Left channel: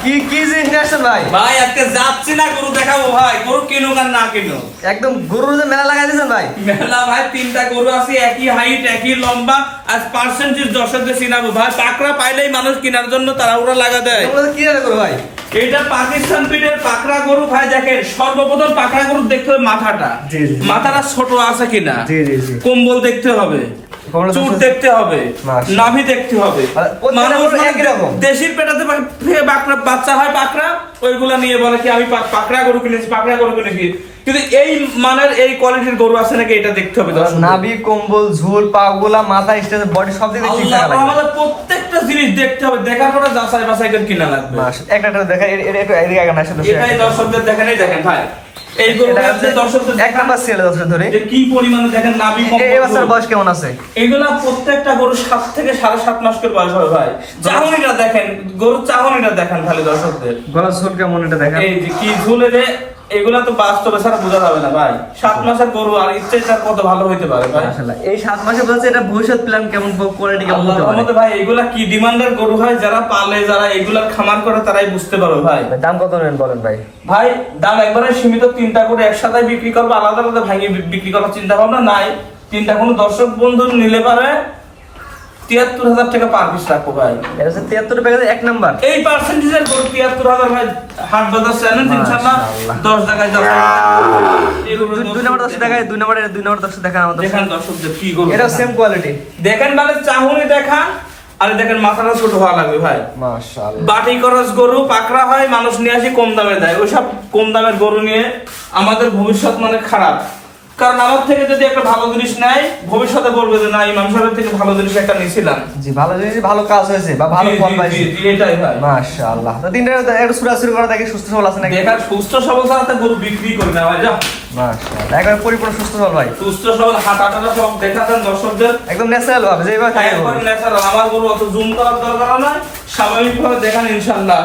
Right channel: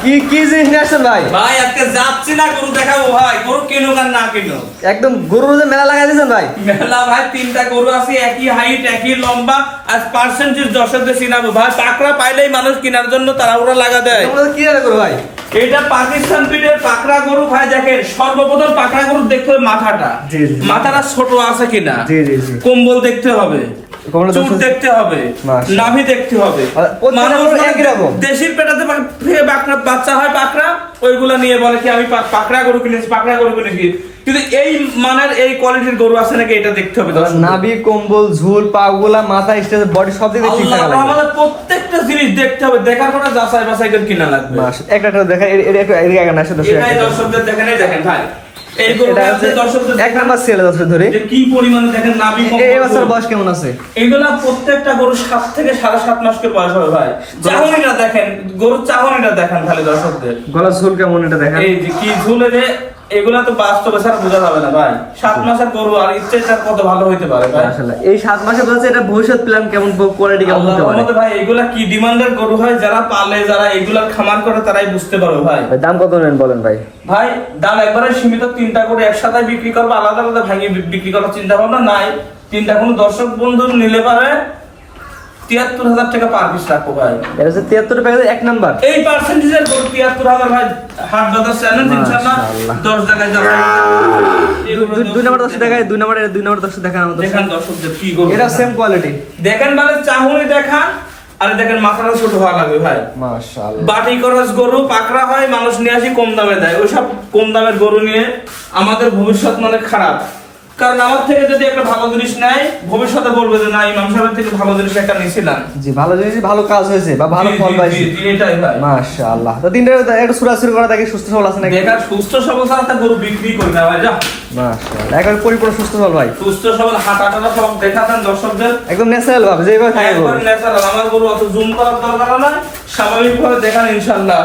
কি কি জিনিস আছে ভাই? ভাই আজকে যাচ্ছি না গরু দেখাবো ভাই। গরু কিনো আর না কিনো একদম গরু যে মেলা লাগাই দিয়েছেন ভাই? মেলা ভাই তিনটা গরু আছে একই হাইট একই লম্বা আর পার্সেন্টেজ দর্শকদের চিনাবো ভাই পাকড়া পাইলেই মানুষ কেনার জন্য তারা ওরা লাগা দেয়। কি গরু করো ভাই? এটা পাকিস্তান পিঠের পাকড়া গরু ভাই দেখেন সর্বপ্রথম পাকড়া গরু দেখতে হবে মাথাটা। মাথাটা ছোট আছে কিনা। কম্বল দেখতে হবে চুর চুট দেখতে- হবে। নাভি দেখতে হবে মানুষ মানে দেশির পেটাতে বাচ্চা হয় পাকড়া ওইগুলা নিয়ে বলে কি আমি পাকড়া গরু কিনেছি পাকড়া গরু কিনেছি কিন্তু এই মানের এই কোয়ালিটির গরু আছে নাকি এটা দেখতে হবে দর্শক নাভি কম্বল ঝুল পাগুলা মাথা স্টেজ বডি সব দিকে আল্লাহ আমাদের প্রত্যেকটা জিনিস দেখতে হবে। দেখার পরে যাচাই বাছাই করে কিনা লাগবে। একটা একটা দেখা এটা একটু এটাই দর্শকদের দেখেন দেখেন ভাই। এই গরুটা আছে দর্শকদের দেখান। মাস ছেলে দর্শক ধরে। যে কি পরিমাণে দেখেন নাভি এই বছর বয়স কেমন আছে? এগুলা প্রত্যেকটা গরু সাত থেকে সাড়ে সাত মাস করে বয়স হবে ভাই। চাহনিটা দেখেন গরু চাহনিটা দেখেন খালি দর্শকদের। গলা ঝুল কেমন এটা দেখেন? এই যে কি ঝুলে রে। এগুলা তো বাস্তবে বোঝা যাবে না ভাই। সাত মাসের গরু আর ইচ্ছে কত ভালো হইতে পারে ভাই? মাশাআল্লাহ। এই সাত মাসে বলছে এটা ভবিষ্যৎ প্ল্যান কেমন কোয়ালিটি কেমন হতে পারে? ভাই এগুলা কি ডিমান্ডের গরু হয়? যারা পালে যারা এগুলার খামার করে তারাই বুঝতে পারবে ভাই। ভাই, দাম কত নেন বলেন ভাই? ভাই দাম একবারে সীমিত। তিনটা করে একসাথে বিক্রি করব আলাদা আলাদা ভাঙিয়ে বিক্রি করার চিন্তা ভাবনা নাই। তিনটা কোনো দর্শক বন্ধু নিলে পারে তিয়াত্তর হাজার টাকা পার পিস রাখব ভাই। এটা হচ্ছে তিয়াত্তর টাকা এক নাম্বার এই পার্সেন্টেজের গরু তিয়াত্তর হাজার ভাই হাট বাজার চ্যালেঞ্জ ইনশাল্লাহ দশ টাকায় এগুলো দুই- নম্বর দশ দেখায় দুই নম্বর দুই নম্বর দশ দেখান আমাদের। দেখান দর্শকদের কি গরু। এটা সেম কোয়ালিটি দেখেন মানে চাহুনি দেখান। আর দেখেন মাথাটা ছোট হওয়া লাগবে ভাই। বাটি খরচ গরু পাকড়া হয় মানুষ নিয়ে আসি কম দামে দেয়। ওইসব কম দামের গরু নিয়ে আমাদের ভবিষ্যৎ মানে খারাপ। কারণ আমার থেকে যদি একটা ভালো জিনিস নেয় ভবিষ্যতে বলবে যে না ইমাম সাহেবের থেকে ভালো জিনিস একটা নিয়েছিলাম জি ভালো জিনিস ভালো কাজ হয়েছে বা ভালো ফল পাইছে। জি, এটাই ভাই মাশাআল্লাহ। তো তিনটা একটা সুরাসুরি করা থাকে সুস্থ সবল আছে নাকি? বেকার সুস্থ সবল ছাড়া গরু বিক্রি করি না ভাই যা। মাশাআল্লাহ। একবার পরিপূর্ণ সুস্থ সবল ভাই। সুস্থ সবল হাঁটা টাটা সব দেখাতেন দর্শকদের। একদম ন্যাচারাল ভাবে যেভাবে থাকে একবার ন্যাচারাল আমার গরু অত জুম করার দরকার নাই। স্বাভাবিক ভাবে দেখান ইনশাল্লাহ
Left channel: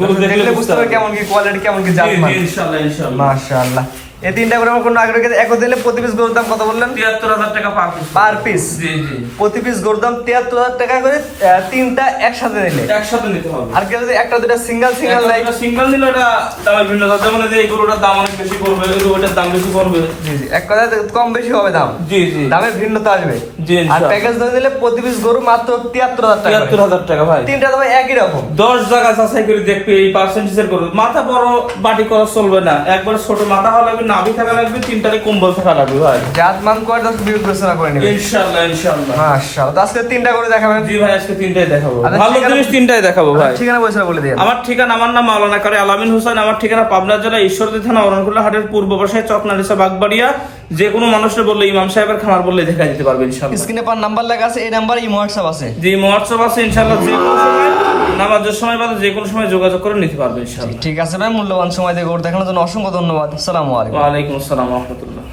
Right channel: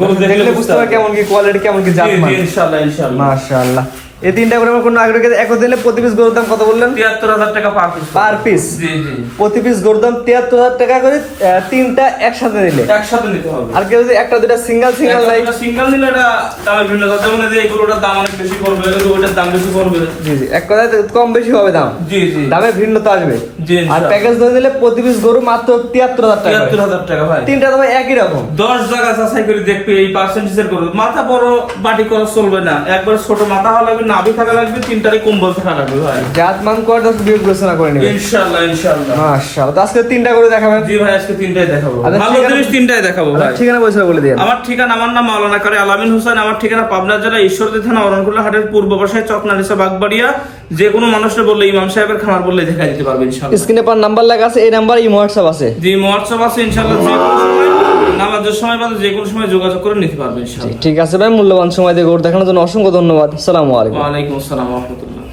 গরু দেখলে বুঝতে পারবে কেমন কি কোয়ালিটি কেমন কি জি জাত জি ইনশাল্লাহ ইনশাল্লাহ মাশাআল্লাহ। এই তিনটা করে আগে এক দিলে প্রতি পিস গরুর দাম কত বললেন? তিয়াত্তর হাজার টাকা পার পিস পার পিস জি জি। প্রতি পিস গরুর দাম তিয়াত্তর হাজার টাকা করে তিনটা একসাথে নিলে। একসাথে নিতে হবে। আর কেউ যদি একটা দুটা সিঙ্গেল সিঙ্গেল নেয় সিঙ্গেল নিলে এটা দামের ভিন্ন যেমন এই যে এই গরুটার দাম অনেক বেশি পড়বে দাম বেশি পড়বে। জি জি। এক কম বেশি হবে দাম। জি জি। দামে ভিন্নতা আসবে। জি আর প্যাকেজ ধরে নিলে প্রতি পিস গরু মাত্র তিয়াত্তর হাজার টাকা। তিয়াত্তর হাজার টাকা ভাই। তিনটা দাম একই রকম। দশ জায়গা যাচাই করে দেখবে এই পার্সেন্টেজের গরু। মাথা বড় বাটি করা চলবে না। একবার ছোট মাথা হলে নাভি থাকা লাগবে তিনটারে কম্বল থাকা লাগবে ভাই। জাত মান করে তো বিবেচনা করে নিবে? ইনশাল্লাহ ইনশাল্লাহ মাশাআল্লাহ। আজকে তিনটা করে দেখাবেন জি ভাই আজকে তিনটাই দেখাবো। আচ্ছা, ভালো জিনিস তিনটাই দেখাবো ভাই। ঠিকানা পয়সা বলে দিন আমার ঠিকানা আমার নাম মাওলানা কারি আলামিন হোসেন। আমার ঠিকানা পাবনা জেলা ঈশ্বরদী থানা অরণকুল্লা হাটের পূর্ব পাশে চকনালিসা বাগবাড়িয়া। যে কোনো মানুষের বললে ইমাম সাহেবের খামার বললে দেখা দিতে পারবে ইনশাল্লাহ স্ক্রিনে পর নাম্বার লেখা আছে এই নাম্বার এই হোয়াটসঅ্যাপ আছে। যে হোয়াটসঅ্যাপ আছে যে কোনো সময় নামাজের সময় বা যে কোনো সময় যোগাযোগ করে নিতে পারবে ইনশাআল্লাহ। ঠিক আছে ভাই মূল্যবান সময় দিয়ে গরু দেখানোর জন্য অসংখ্য ধন্যবাদ। আসসালামু আলাইকুম। ওয়ালাইকুম আসসালাম রহমতুল্লাহ।